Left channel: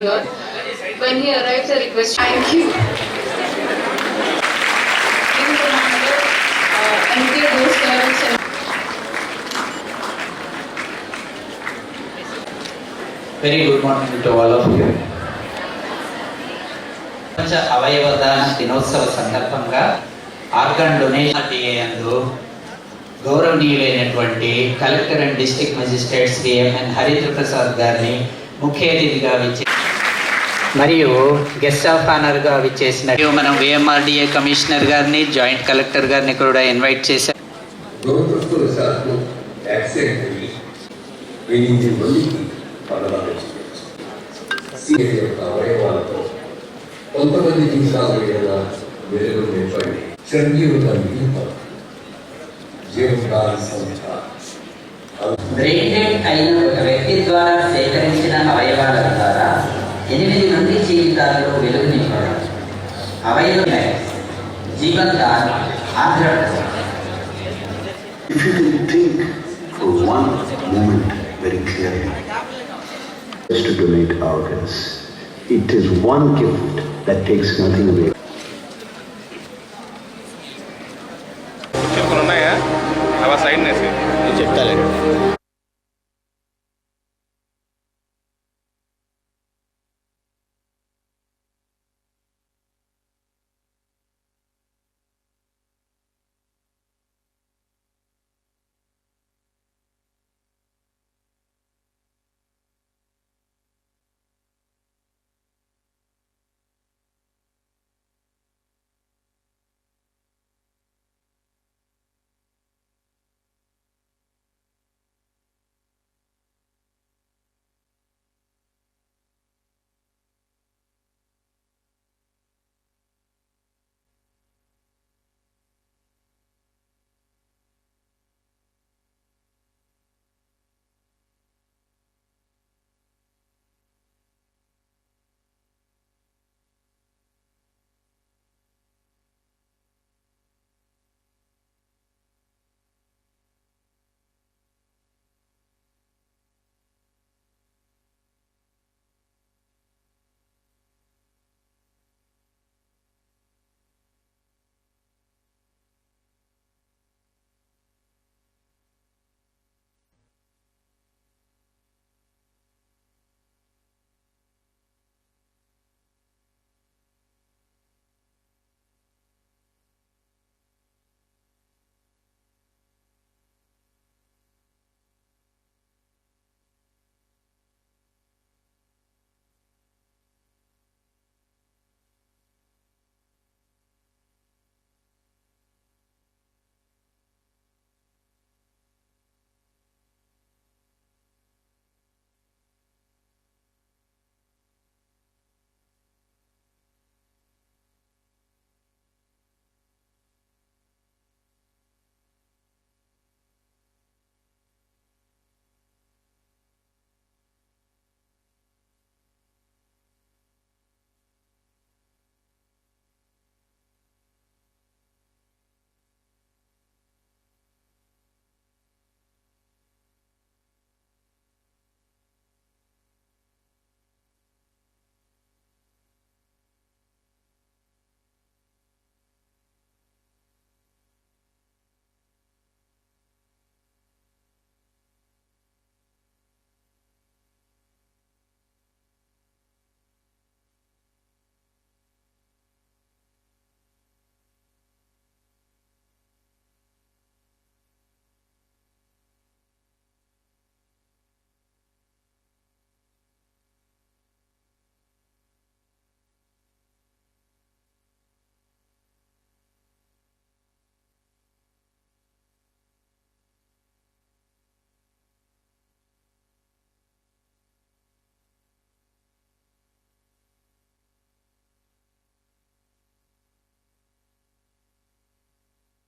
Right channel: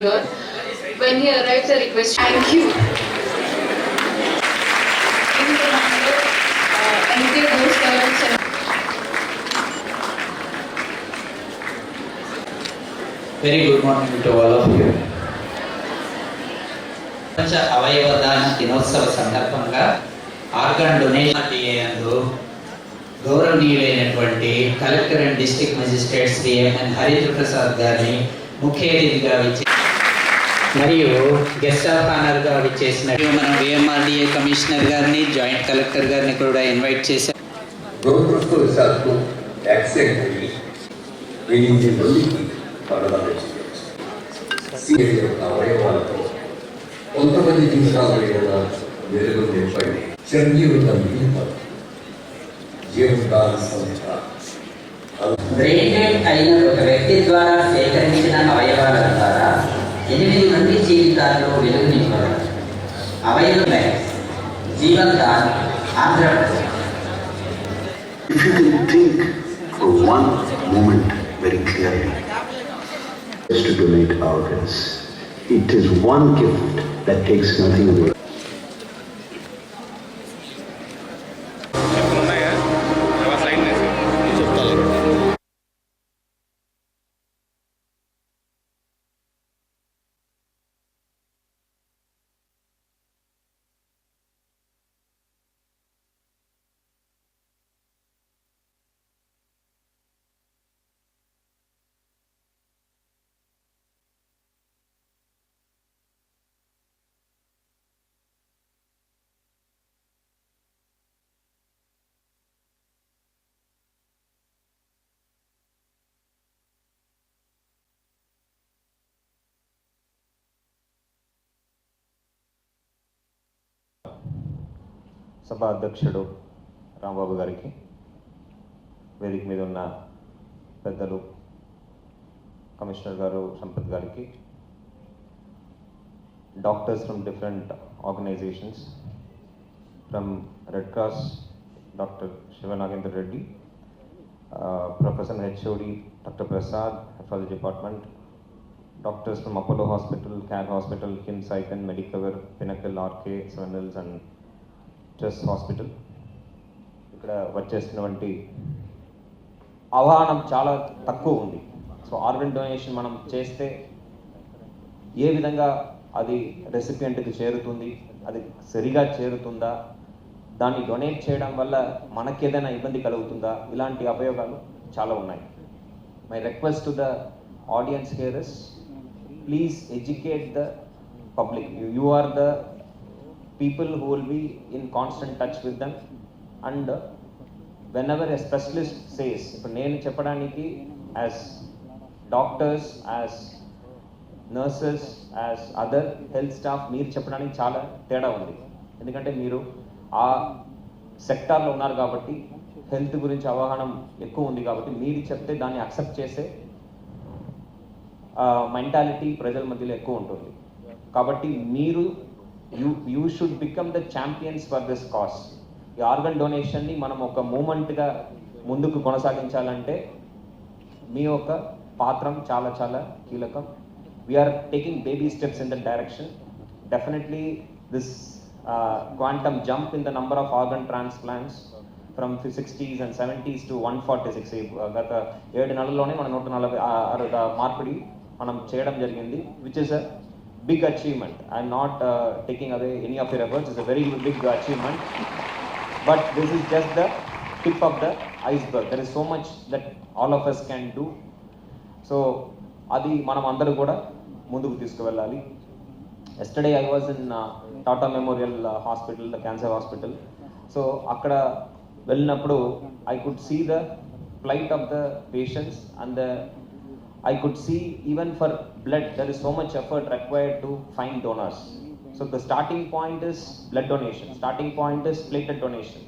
When he arrives, I request, thank you. Very good morning to all of you ప్రపంచ అవయవ దాన దినోత్సవ సందర్భంగా ఆర్గన్ డొనేషన్ డిఏ అందు గౌరవనీయులైనటువంటి collector and district magistrate Shri MN Harindra Prasad గారిని ముఖ్య అతిథిగా విచ్చి మరియు గెస్ట్ ఆఫ్ ఆనర్గా విచ్చేసిన మనం విఎంఆర్డిఏ కమిషనర్ గారిని జాయింట్ కలెక్టర్ గారిని కూడా ఇన్వైట్ చేశాం. దురదృష్టవశాత్తు యాక్సిడెంట్ అయ్యి ఎనిమిది మందికి మరణాలు చేయవచ్చు సీఎం యొక్క అవయవాలతో కొంతమంది జీవితాల మీద వెలుగు నింపండి చిరంజీవుల మిగతా జీవితాల సంస్థ. బ్రెయిన్ డెడ్ అయిన ఒక వ్యక్తి ద్వారా సేకరించిన అవయవాల ద్వారా ఎనిమిది మంది జీవితాల్లో వెలుగు నింపబడారు అవయవ జీవన్ దాన్ Andhra Pradesh If you can think for one moment very clearly, is to donate organs. It is one gift that takes nothing away. సభ అధ్యక్షుడు రాంబాబు గారికి వేదిక మీద ఉన్న పెద్దలు కమిషనర్ గారు సంపత్ గారికి doctors from different organisations from red cross doctor Shivanagender Reddy professor H O D doctor Prasad hepatology department doctors from Apollo hospital Care hospital KIMS Icon Medicover Pinnacle R K Seven Hills and trust hospital ఇక్కడ వచ్చేసినటువంటి అవగాహన చాలా తక్కువ ఉంది. So organ donation మనం చేస్తే ఏ విధంగా అది రెసిపియంట్కి చేరుతుంది అది సరిగా చేరుతుందా దాన్ని డొనేట్ చేయడం వల్ల మనకి ఏదైనా ఇబ్బంది కలుగుతుందా ఇలాంటి ఉపయోగాలు చాలా ఉన్నాయి. My request to the audience here is please educate the public you are the people who will be in constant touch with them. And whenever a specialist says ఇప్పుడు నేను చెప్పడానికి as doctors as nurses as other health staff మీరు చెప్పడానికి చాలా తేడా ఉంది ఎందుకంటే మీరు ఆ సెక్టార్లో ఉన్నారు కాబట్టి హెల్త్ గురించి అవగాహన ఎక్కువ ఉంది కాబట్టి మీరు చెప్తే దాన్ని అక్సెప్ట్ చేసే మెంటాలిటీ ప్రజల మధ్యలో ఎక్కువ ఉంటుంది కాబట్టి మీరు you you should become the champions for this cause ఈ ఆర్గన్ డొనేషన్ని మనం ఒక మూమెంట్గా ముందుకు కొనసాగించాలంటే మీ యొక్క పాత్రం చాలా చాలా కీలకం. We're taking baby steps in the direction definitely this quantum jump in the number of organ transplants from sixties and seventies to one forty six గత ఏడు నెలల్లోనే మన నూట నలభై మార్పిడి మనం చేయడం జరిగింది which is a big achievement. I'm not uh, taking away any of your efforts. It's a very big achievement. But this is just the tip of the iceberg. There is so much that all of us can do. So అది మనం అందరూ కూడా ముందుకు తీసుకువెళ్ళాలి yesterday I was in Tata memorial hospital the cancer hospital so అక్కడ వెళ్ళినప్పుడు I could see the plight of the patients and the I could see even for blood, there is so much effort required to find donors. So the starting point is blood donation. Starting point is platelet donation.